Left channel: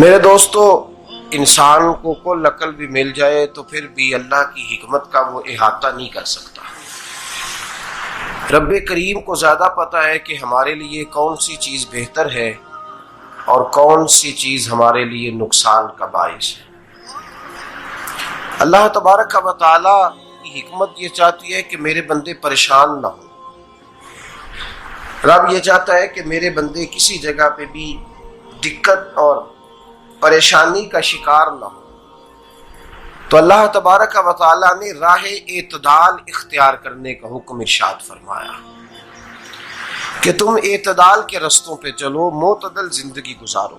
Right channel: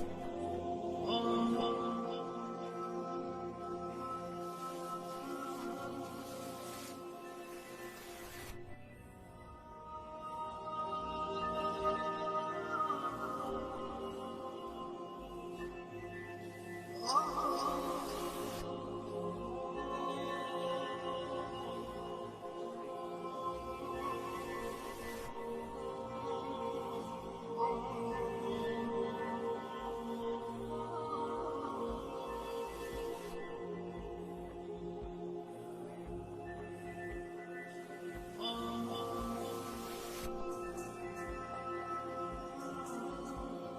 میرے دوستو، انسان کو کل عقل بھی مل جائے تو پھر بھی اللہ کی حکمت کا وہ احاطہ نہیں کر سکتا۔ رب کریم کو زیادہ پتہ ہے کہ ہمارے لیے کون سی چیز بہتر ہے اور کون سی چیز ہمارے لیے نقصان کا باعث ہے۔ اللہ تبارک و تعالی کی حکمت یہ چاہتی ہے کہ میرے بندے پریشان نہ ہوں۔ رب یہ چاہتا ہے کہ میرے بندے کسی جگہ پہ بھی دقت اور پریشانی کا شکار نہ ہو۔ تو اللہ تبارک و تعالی نے راہ اعتدال اختیار کرنے کا حکم ارشاد فرمایا کہ تم اعتدال کے رستوں پہ چلو، معتدل زندگی گزارو،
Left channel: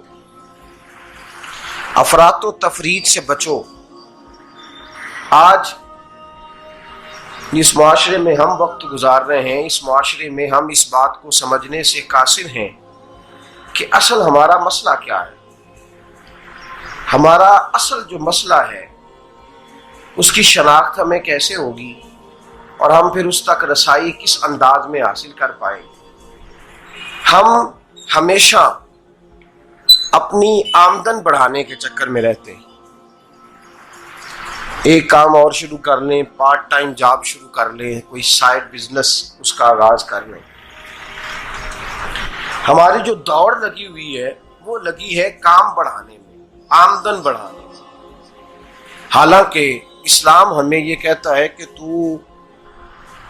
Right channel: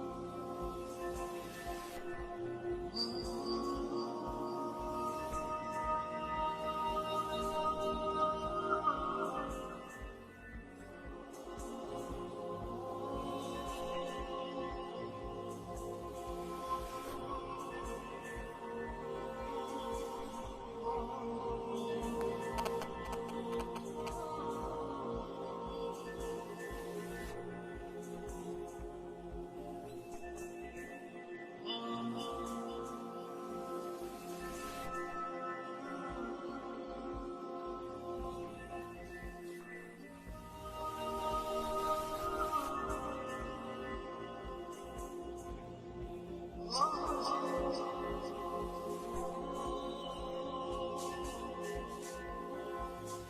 افراط و تفریط سے بچو۔ آج جس معاشرے میں ہم وقت گزار رہے ہیں، اس معاشرے میں ہم اس بات کو سمجھنے سے قاصر ہیں کہ اصل ہمارا مسئلہ کیا ہے۔ ہمارا اصل جو مسئلہ ہے اس کی شناخت ہمیں کیسے ہوگی اور ہم پھر اس تک رسائی کس انداز میں حاصل کر پائیں۔ ہم ہمیشہ اپنی آمدن بڑھانے کے چکر میں رہتے ہیں، ایک کام اور شروع کر لیں، پارٹ ٹائم جاب شروع کر لیں، کوئی سائیڈ بزنس اس کا آغاز کر لیں۔ ہماری جو دوڑ لگی ہوئی ہے وہ لگی ہے کام بڑھانے میں، آمدن بڑھانے میں، حالانکہ اسلام ہمیں یہ کہتا ہے کہ تو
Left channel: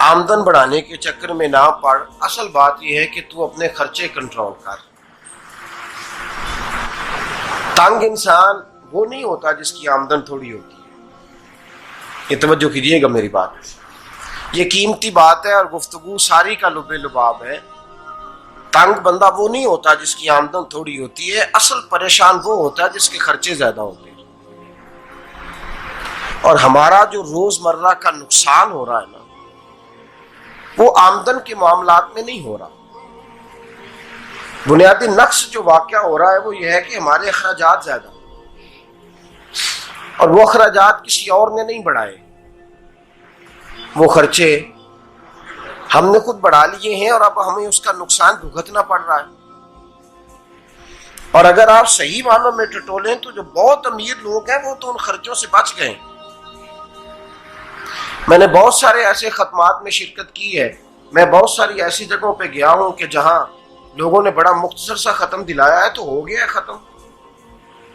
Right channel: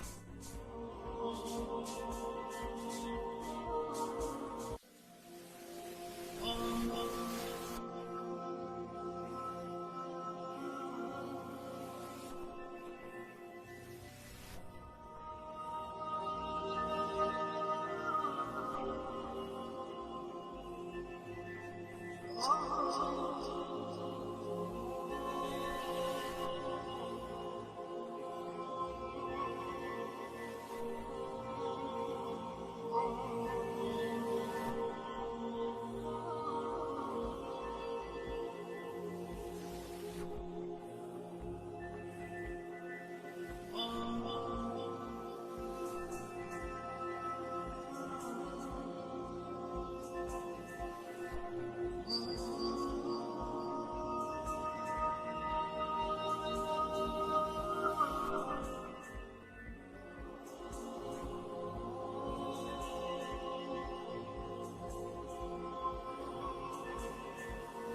آمدن بڑھانے کے چکر میں نہ پڑ، اصل بات یہ ہے کہ تو اپنے خرچے کنٹرول کر۔ تنگ انسان وہ نہیں ہوتا جس کی آمدن تھوڑی ہوتی ہے، یہ توجہ کیجیے گا میری بات، یہ قیمتی بات ہے اور گفتگو ساری کا لب لباب ہے۔ تنگ بندہ وہ نہیں ہوتا جس کی آمدن تھوڑی ہوتی ہے، اصل پریشان وہ ہوتا ہے جس کے خرچے زیادہ ہوتے ہیں۔ اور ہمارا جو روزمرہ کا نقصان ہو رہا ہے نا، وہ آمدن کے معاملات میں نہیں ہو رہا۔ بنیادی نقص جو واقعہ ہو رہا ہے وہ یہ ہے کہ ہمارے اخراجات زیادہ ہیں اور وہ اخراجات کسی اور نے نہیں بڑھائے، وہ خرچے ہم نے خود بڑھا لیے ہیں اور اب ہمیں اس کا نقصان بھگتنا پڑ رہا ہے۔ اور اگر آپ صحیح معنوں میں ٹٹولیں تو جو بہت امیر لوگ ہیں وہ تو ان خرچوں سے بچ گئے۔ میں نے بہت سارے ایسے ختمات میں شرکت کی ہے، میں بہت ساری ایسی جگہوں پہ گیا ہوں کہ جہاں لوگوں نے بڑا مختصر سا ختم دلایا ہے تو ہو گیا ہے ختم۔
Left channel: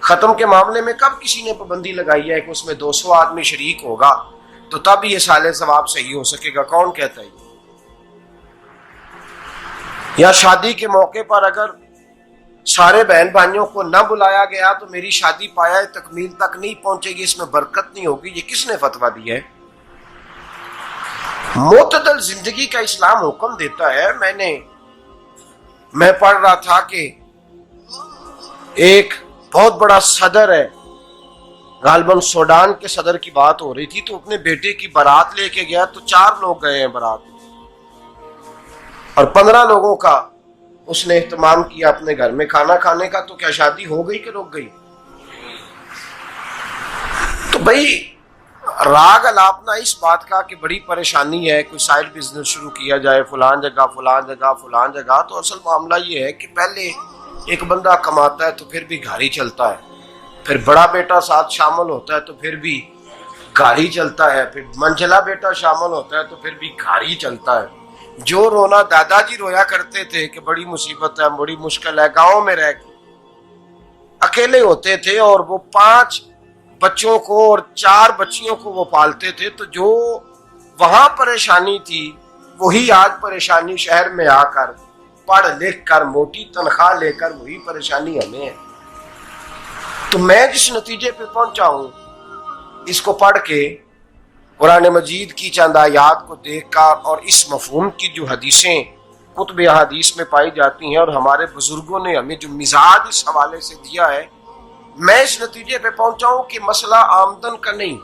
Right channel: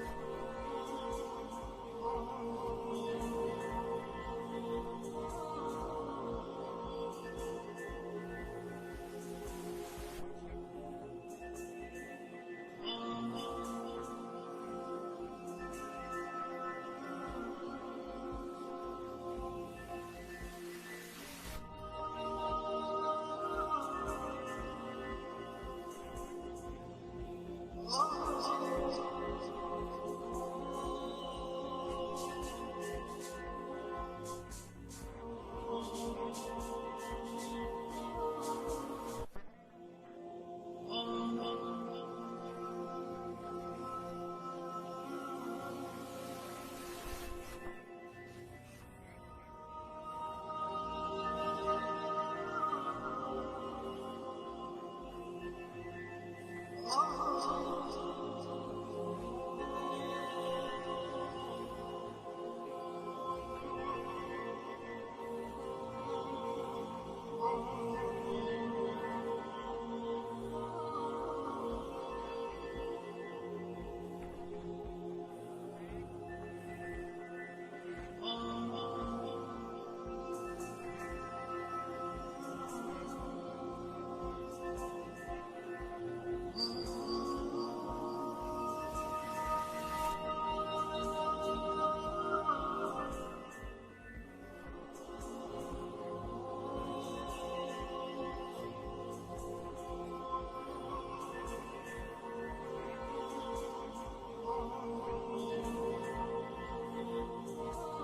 ختم کے معاملے میں کب کسی نے پابندی لگائی ہے کہ اس میں 200 آدمی شریک ہوگا تو تب یہ سال ثواب صحیح ہو سکے گا؟ کون کہتا ہے؟ یا شادی کے موقع پر اگر سارے بہن بھائیوں کو نہ بلایا گیا تو میری شادی پایہ تکمیل تک نہیں پہنچے گی، اس میں برکت نہیں ہوگی، یہ کس نے فتویٰ دیا ہے؟ معتدل زندگی کا اسلام حکم دیتا ہے۔ میں پڑھ رہا تھا کہ ایک بہت بڑا صدر ہے، غالباً سوڈان کے صدر کی بات ہو رہی تھی، تو اپنے بیٹے کی بارات لے کے گیا تو 4 لوگ گئے ہیں بارات اور 15 لوگوں کا اس نے اہتمام کیا اپنے گھر میں کھانا کھانے کا۔ تو کیا شادی ہو گئی کہ رک گئی؟ تو بھئی راگ الاپنا اس بات کا کہ بڑی پریشانی ہے، کوئی سائیڈ بزنس شروع کیا جائے فلان جگہ فلان جگہ فلان جگہ، تو اصل معاملہ یہ ہے کہ پہلے ایک بندہ کماتا ہے تو پھر بھی گھر ہی چلتا ہے، پھر بڑا بیٹا ساتھ شامل ہوتا ہے تو پھر بھی گھر ہی چلتا ہے، پھر منجلا بیٹا شامل ہوتا ہے تو پھر بھی گھر ہی چلتا ہے۔ جو رونا دادا جی رویا کرتے تھے کہ بڑی مصیبت ہے، بڑی مشکل ہے، گاؤں میں رہ اکیلے ہوتے تھے اور وہ 5 بچوں کو اور 4 بچیوں کو وہ پالتے تھے، تو جو وہاں پریشانی تھی وہی آج پریشانی شہر میں آ کر پڑھ لکھ کر موٹی تنخواہ لے کر وہی پریشانی ہمیں ہے۔ تو میں جس نتیجے پہ پہنچا ہوں اس کو پڑھ کے، قرآن مجید کی چند آیات کو دیکھ کر اور اس مفہوم کی جو حدیثیں کتب احادیث میں پائی جاتی ہیں اور ہمارے بزرگوں نے ہمیں جو مزاج اس حوالے سے دیا ہے، میں اس نتیجے پہ پہنچا ہوں کہ مسئلہ آمدن کا نہیں،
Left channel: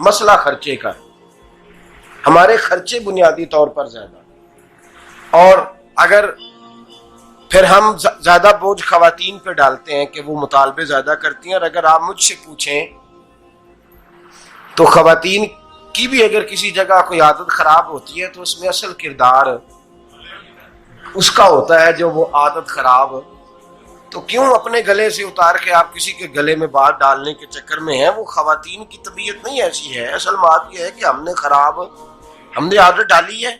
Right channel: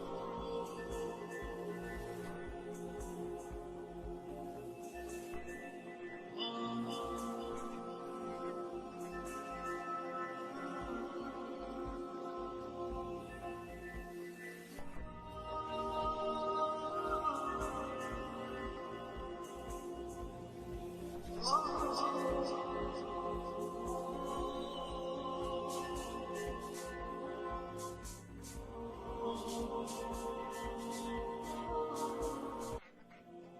مسئلہ خرچے کا ہے۔ ہمارے خرچے بنیادی طور پر زیادہ، اور اگر پھر ہم زیادہ بوجھ خواتین پہ ڈالتے ہیں کہ وہ مطالبے زیادہ کرتی ہیں، اور اگر آپ مجھ سے پوچھیں تو خواتین کی بھی اگر کسی جگہ کوئی عادت خراب ہوتی ہے تو اس میں اصل کردار اس کا ہوتا ہے جو وہ عادت خراب تو کیوں اپنے گلے سے اتار کے آپ کسی کے گلے میں بات ڈالنے کے چکر میں ہیں؟ وہ خواتین کی طبیعت نہیں ایسی ہے. اصل بات یہ ہے کہ ہم نے عادت ڈالی ہے،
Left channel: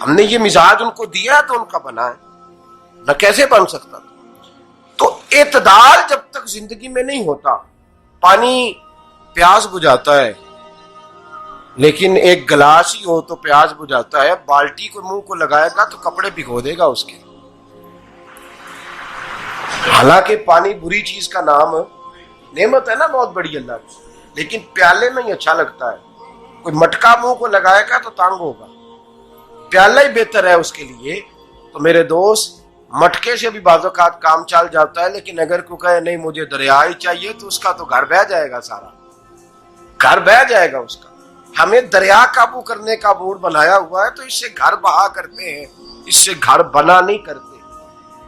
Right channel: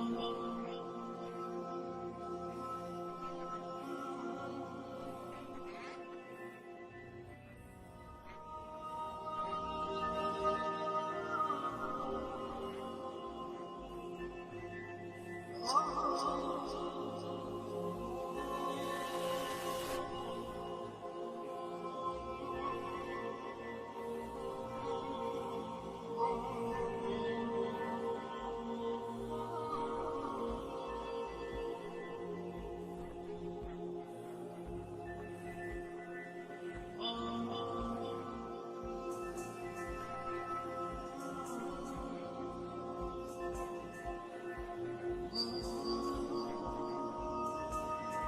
ہم نے یہ مزاج ان کو دیا ہے تو ان کا بنا ہے، نہ کیسے بن سکتا. تو اعتدال جب تک زندگی میں نہیں ہوتا، پانی پیاس بجھاتا ہے لیکن ایک گلاس ہی ہو تو پیاس بجھاتا ہے، بالٹی کو منہ کو لگائے گا تو کپڑے بھگو دے گا اس کے. حالانکہ پانی بری چیز کا نام نعمت ہے نا بہت بڑی اللہ کی، لیکن پیالے میں ہی اچھا لگتا ہے. کوئی مٹکا منہ کو لگائے گا تو تانگ ہوگا، پیالہ ہی بہتر ہے اس کے لیے. تو میرے دوست، مٹکے سے بھی بعض اوقات کام چل جاتا ہے، لیکن اگر کوئی کہے نہیں مجھے دریا ہی چاہیے تو اس کا تو گھر بہ جائے گا، سارا گھر بہ جائے گا اس کا. ہمیں دریا قابو کرنے کا بورڈ بنایا ہوا ہے تو اس سے گھر بہا کرتے ہیں، اس سے گھر بنا نہیں کرتے.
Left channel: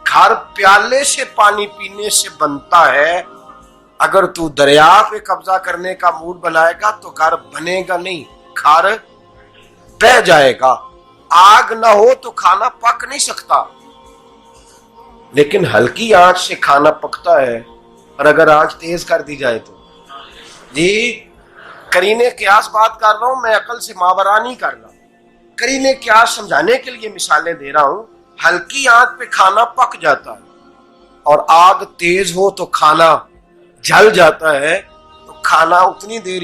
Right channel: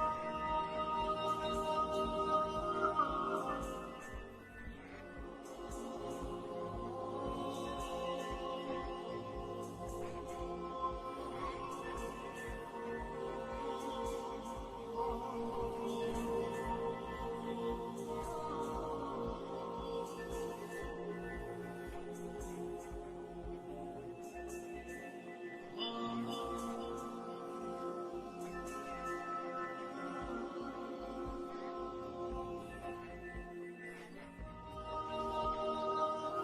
گھر پیالے سے پانی پینے سے بنتا ہے. اگر تو دریا پہ قبضہ کرنے کا موڈ بنائے گا تو گھر بنے گا نہیں، گھر بہ جائے گا. آگ نہ ہو تو کھانا پک نہیں سکتا، لیکن ہلکی آنچ سے کھانا پکتا ہے. اور اگر آنچ تیز کر دی جائے تو جی قرینے قیاس بات کر رہا ہوں، میں عقل سے ماورا نہیں کر رہا. قرینے قیاس سمجھانے کے لیے مثالیں دے رہا ہوں. ہلکی آنچ پہ کھانا پک جاتا ہے اور آگ تیز ہو تو کھانا جل جاتا ہے. تو کھانا اتنی دیر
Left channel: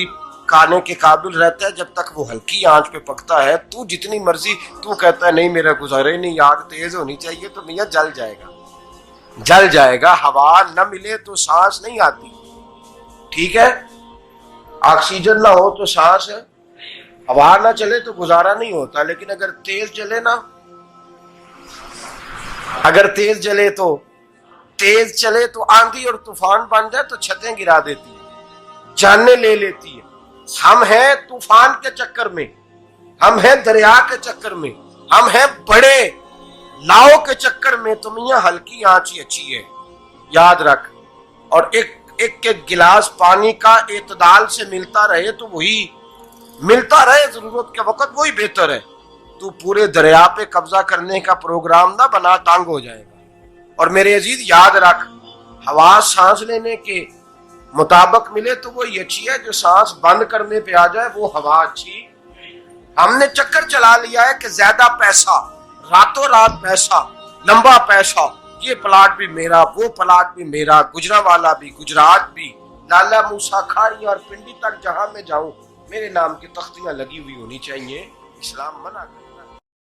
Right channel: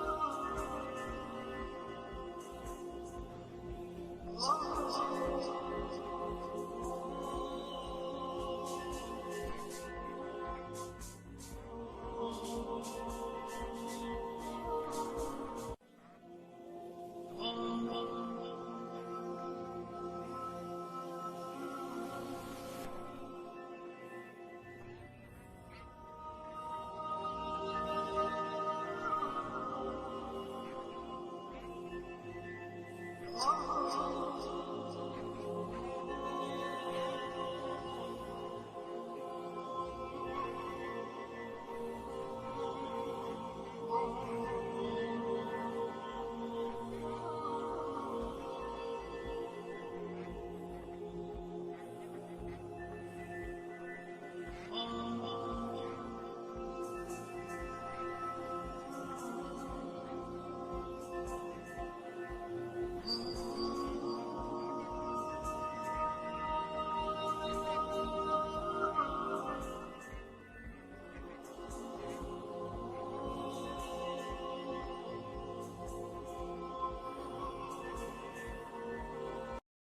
کھانے کے قابل رہتا ہے جب تک وہ ہلکی آنچ پہ پکتا ہے. تو جتنی مرضی تو کہتا ہے نہیں میرا گزارے نہیں، آگ تیز ہونی چاہیے، تو میاں جل جائے گا، جل جائے گا. ہوا نہ ملے تو سانس نہیں آتی، ٹھیک ہے؟ آکسیجن نہ ہو تو سانس، ہوا نہ چلے تو گزارا نہیں ہوتا. لیکن اگر تیز چلے نا، اگر تیز چلے تو آندھی اور طوفان بن جائے تو چھتیں گرا دیتی ہے، جانیں لے لیتی ہے. ہم ہیں طوفان کے چکر میں، ہم ہیں دریا کے چکر میں، ہم ہیں بڑے لاؤ کے چکر میں. تو میاں ہلکی آنچ ہی اچھی ہے، یاد رکھ. اور ایک گلاس پانی کا اعتدال سے ملتا رہے تو وہی ملتا رہے، ضرورت کے وقت وہی بہتر ہے. تو پورے دریا پہ قبضہ کرنے کا پروگرام نہ بنا، تانگ ہو جائے گا. اور میرے عزیز یاد رکھ، ہوا سانس لینے کے مطابق ملے تو وہی اچھی ہے، جو سانس بند کرنے پہ آ جائے وہ ہوا اچھی. ہم نے چکر چلا لیا ہے کہ زیادہ پیسہ، راتوں رات پیسہ، لمبا پیسہ، یہ پلاٹ بھی میرا، وہ پلاٹ بھی میرا، گجرانوالا بھی، گجرات بھی، لالا موسیٰ کھاری اور پنڈی تک جہاں میں جاؤں میرے نام کی تختیاں لگی ہوئی ہونی چاہیے. اسلام منع